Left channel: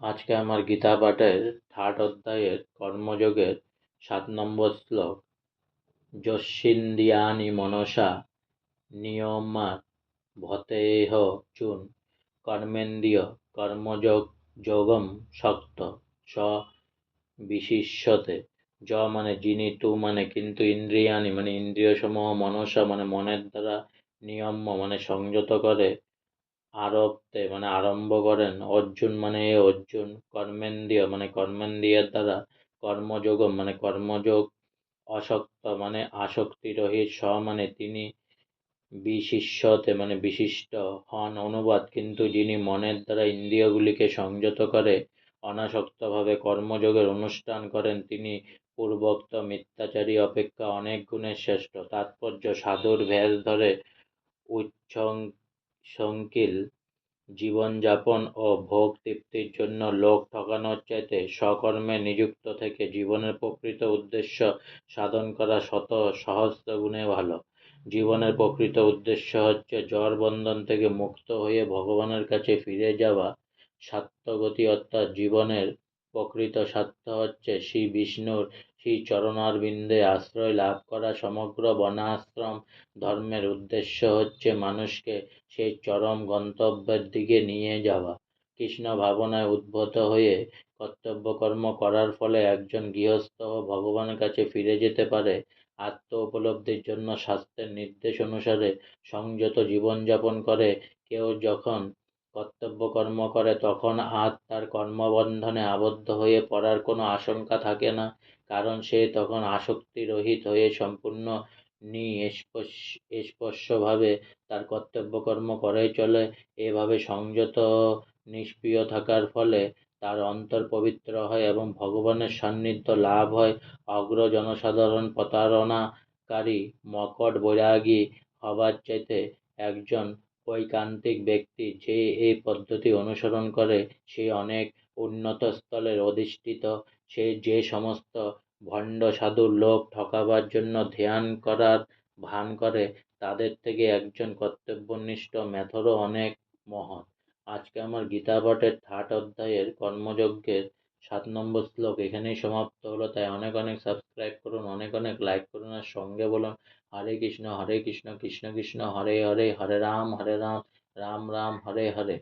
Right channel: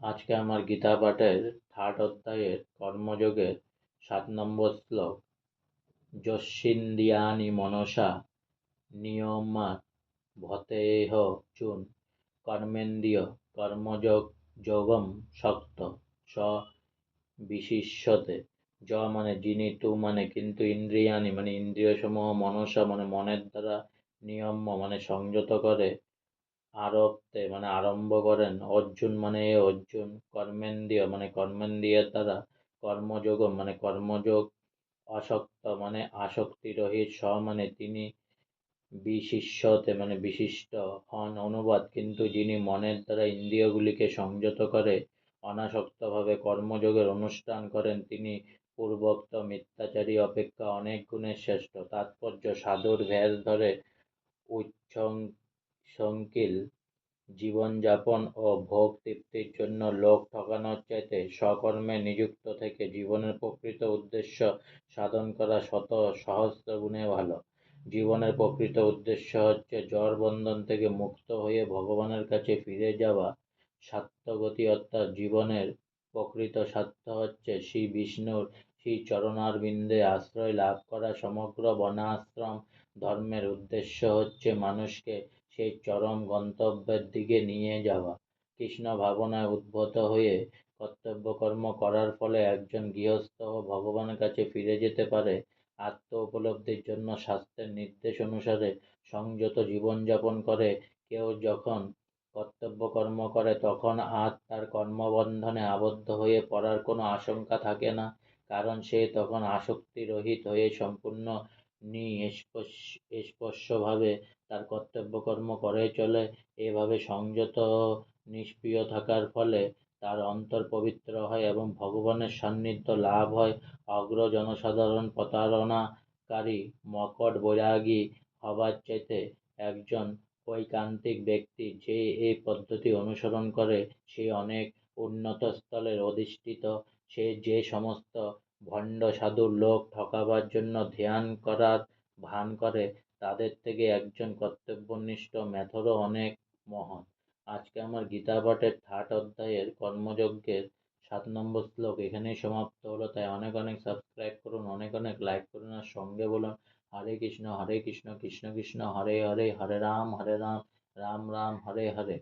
আজকে আমার গীতা পাঠের থার্ড অধ্যায়ের কর্মযোগের 7 নম্বর শ্লোক। যস্যিন্দ্রিয়াণি মনসা নিয়ম্যাৎ ভতেহ চুন কর্মেন্দ্রিয় কর্মযোগ যোগম শক্ত স বিশিষ্যতে। য মানে যিনি, তু মানে কিন্তু, ইন্দ্রিয়াণি মানে ইন্দ্রিয় সমূহ, মনসা মানে মনের দ্বারা, নিয়ম্য মানে সংযত করে, আরব্ধে মানে আরম্ভ করেন, অর্জুন মানে অর্জুন, কর্মেন্দ্রিয় মানে কর্মেন্দ্রিয়ের দ্বারা, কর্মযোগ মানে কর্মযোগ, অশক্ত মানে আসক্তি রহিত, স মানে তিনি, বিশিষ্যতে মানে বিশিষ্ট হন, অনুবাদ কিন্তু যিনি মনের দ্বারা ইন্দ্রিয়গুলিকে সংযত করে অনাসক্তভাবে কর্মযোগের অনুষ্ঠান করেন, তিনি পূর্বোক্ত মিথ্যাচারী অপেক্ষা অনেক গুণে শ্রেষ্ঠ। তাৎপর্য: সাধুর ভেষ ধরে উচ্ছৃঙ্খল জীবনযাপন ও ভোগ তৃপ্তির জন্য লোক ঠকানোর চাইতে স্বকর্মে নিযুক্ত থেকে জীবনের প্রকৃত উদ্দেশ্য সাধন করা শত সহস্র গুণে ভালো। জীবনের প্রকৃত উদ্দেশ্য হচ্ছে জড় বন্ধন থেকে মুক্ত হয়ে ভগবানের কাছে ফিরে যাওয়া। স্বার্থগতি অর্থাৎ জীবনের প্রকৃত স্বার্থ হচ্ছে শ্রী বিষ্ণুর শ্রী চরণারবিন্দে আশ্রয় লাভ করা। সমগ্র বর্ণাশ্রম ধর্মের উদ্দেশ্য হচ্ছে মানুষকে সেই চরম গন্তব্যের দিকে নিয়ে যাওয়া। কৃষ্ণ ভাবনায় উদ্ভূত হয়ে কর্তব্যকর্ম করার ফলে একজন গৃহস্থ ভগবানের কাছে ফিরে যেতে পারে। আত্ম উপলব্ধির জন্য শাস্ত্রের নির্দেশ অনুসারে সংযত জীবনযাপন করে কেউ যখন কর্তব্যকর্ম করে তখন আর তার কর্মবন্ধনে আবদ্ধ হয়ে পড়ার কোনো আশঙ্কা থাকে না, কারণ সে তখন আসক্তিরহিত হয়ে সম্পূর্ণ নিষ্পৃহভাবে তার কর্তব্যকর্ম করেই চলে। এভাবে সংযত নিষ্ক্রিয় থাকার ফলে তার অন্তর পবিত্র হয় এবং ভগবানের সান্নিধ্য লাভ হয়। অগ্র জনসাধারণ প্রতারণাকারী মকট বৈরাগী হবার চাইতে একজন ঐকান্তিক ব্যক্তি যে এই পদ্ধতি অনুসরণ করে সে অনেক উন্নত স্থলে অধিষ্ঠিত। সে যে সমস্ত ভণ্ড সাধুর লোক ঠকাবার জন্য ধ্যান করার ভান করে তাদের থেকে একজন কর্তব্যনিষ্ঠ মেথরও অনেক মহৎ। আজকে আমার গীতা পাঠের থার্ড অধ্যায়ের কর্মযজ্ঞের 7 নম্বর শ্লোক এখানেই সমাপ্ত হলো। তাই অনেক অনেক সাবস্ক্রাইব করুন, অনেক অনেক লাইক করুন, আর সঙ্গে বলুন হরে কৃষ্ণ কৃষ্ণ কৃষ্ণ হরে হরে, হরে রাম রাম রাম হরে হরে।